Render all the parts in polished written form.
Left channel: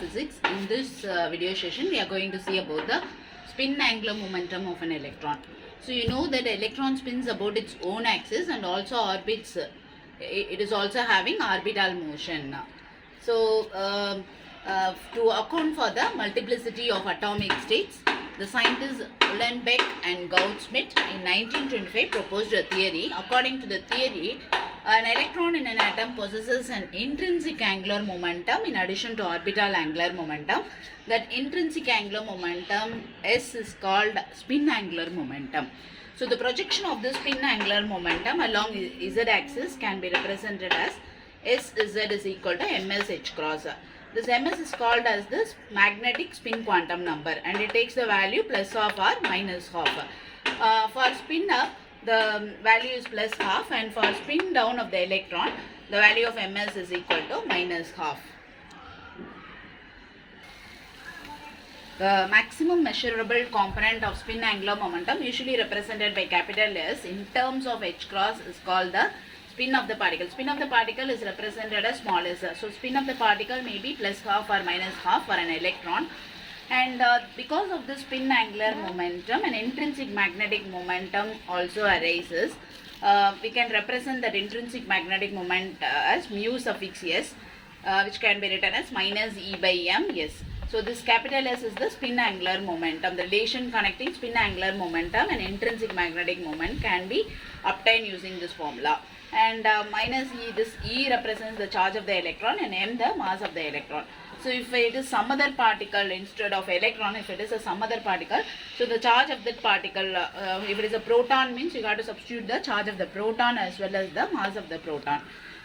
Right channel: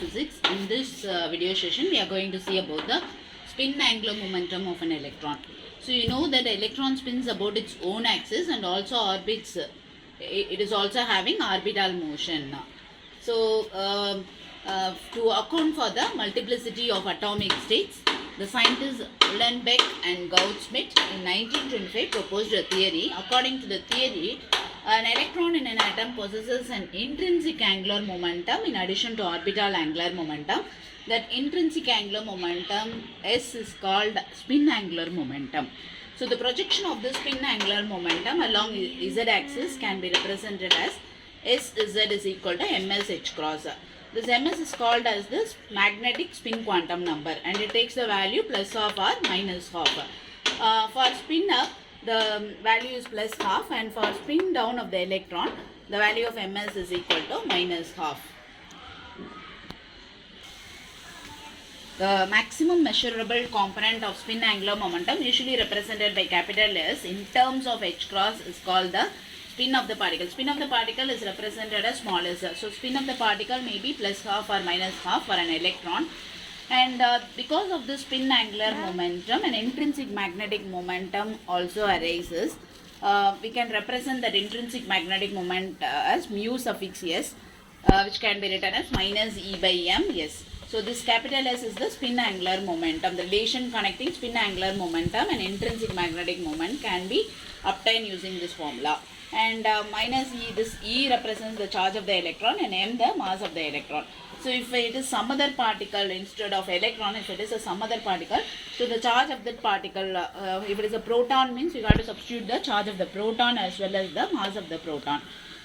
physics. In this video session, we are going to see about the spin angular momentum of an electron. So you know that electron spins about its own axis and also orbits. It is also having orbital motion. So to account for the multiplicity of atomic states, the scientists Uhlenbeck and Gauss-Schmidt in 1925 proposed a theory. According to the theory, an electron in an atom possesses an intrinsic angular momentum in addition to orbital angular momentum. That intrinsic angular momentum S is called spin angular momentum. So the projection of the spin angular momentum along z-axis can be represented as Sz is equal to ms h cross. This ms is called as this magnetic spin quantum number, and it takes the value plus half or minus half. For spin up, the value is plus half, and for spin down of the electron, the value of ms is equal to minus half. The maximum measurable component of spin angular momentum, usually represented by capital S in terms of h cross, is called the spin of the particle. Spin of the particle is represented as small s. So spin of the particle may be plus half or minus half for an electron. And because of the spin angular momentum, an intrinsic magnetic momentum also arises. We can represent that intrinsic magnetic moment as mu suffix s, which can be written as minus E by m s. So this capital S is the spin angular momentum. The relation connecting spin angular momentum and intrinsic magnetic moment can be obtained using this formula. And minus E, this E represents the charge of the electron and m the mass of the electron. So if it is some other particle instead of electron, if it is a some other particle, so the charge of that particle, if it is a proton, means you have to substitute the charge of the proton as well as the mass of the proton.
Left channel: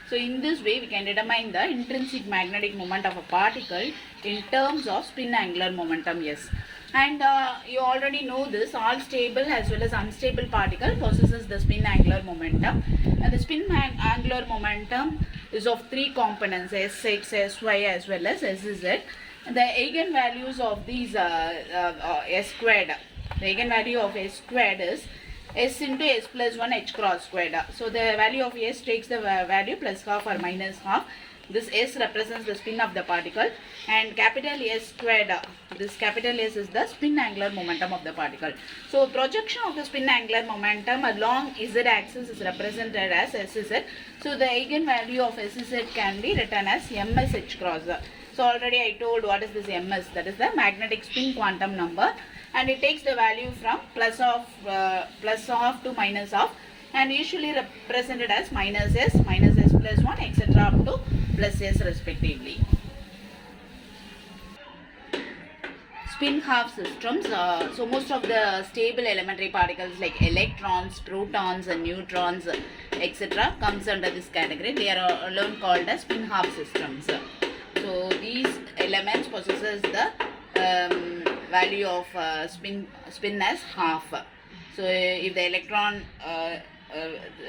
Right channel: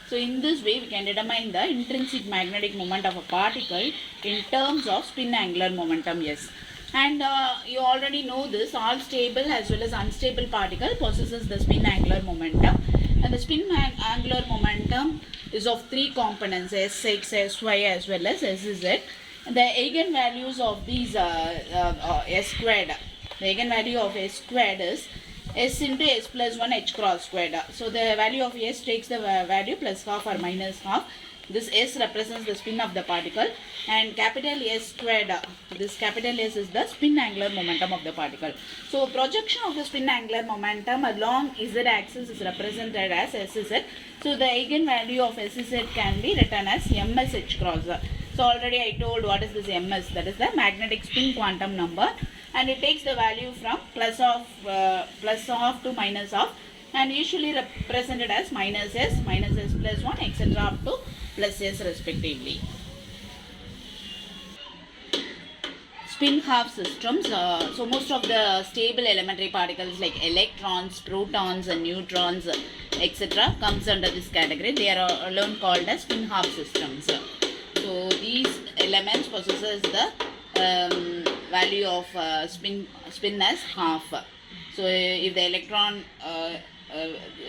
So in this way, we can determine the intrinsic magnetic moment of a particle in terms of spin angular momentum S. And you already know this, all stable as well as unstable particle possesses the spin angular momentum. And the spin angular momentum is of three components, Sx, Sy as well as Sz. And the eigenvalues of these S squared, the eigenvalue of S squared is S into S plus 1 h cross squared. So the value of S takes the value plus half or minus half. This S represents the spin of the particle, and capital S squared, this capital S is the spin angular momentum of the particle. So projection of the spin angular momentum along Z axis is represented as Sz. So the eigenvalue of Sz can be written as ms h cross. So already I told what is this ms, that is the magnetic spin quantum number, and it takes the value from plus half to minus half, and usually represented as minus s plus 1 etc. up to plus s respectively. Spin half systems. So most of the stable elementary particles like electrons, protons and neutrons etc. comes under this category. They are alone called as spin half systems. So these elements possesses the value of spin as half. So if the electron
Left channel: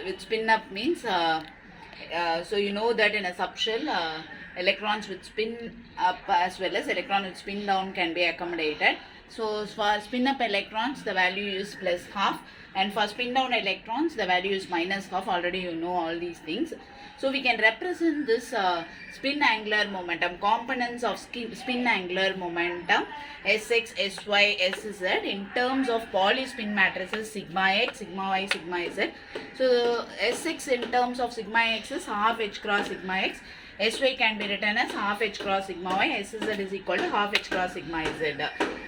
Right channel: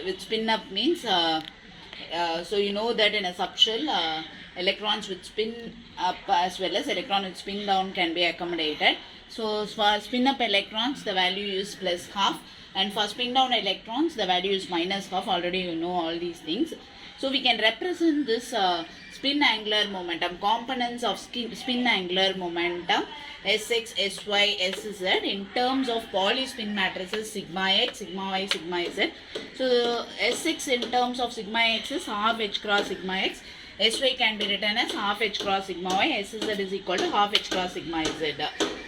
with spin up means so you know that in a subshell electrons with spin up as well as electron with spin down can be accommodated. So for spin up electrons the value is plus half, and for spin down electrons the value is minus half. Already you know all these things. So we can represent this spin angular momentum, components of spin angular momentum Sx, Sy, Sz in terms of Pauli spin matrices sigma x, sigma y, sigma z. So Sx in terms of sigma x is half h cross sigma x. Sy can be written as half h cross sigma y. Sz is equal to half h cross sigma z.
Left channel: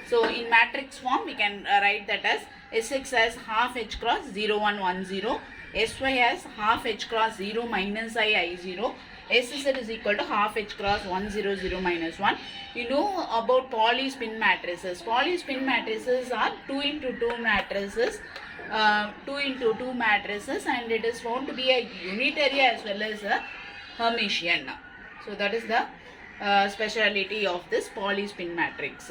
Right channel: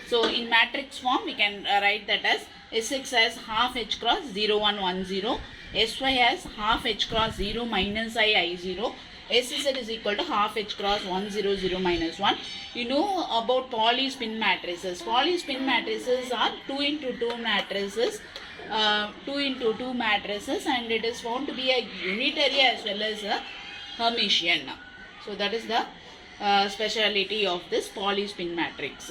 So in matrix form we can write that as Sx as half h cross 0 1 1 0. Sy as half h cross 0 minus I 0. Sz is equal to half h cross 1 0 0 minus 1. You know about Pauli spin matrices. Pauli spin matrices are 2 into 2 matrices. 2 into 2 matrices, and it is found to be a unitary as well as a Hermitian. So that is the speciality of this Pauli spin matrix.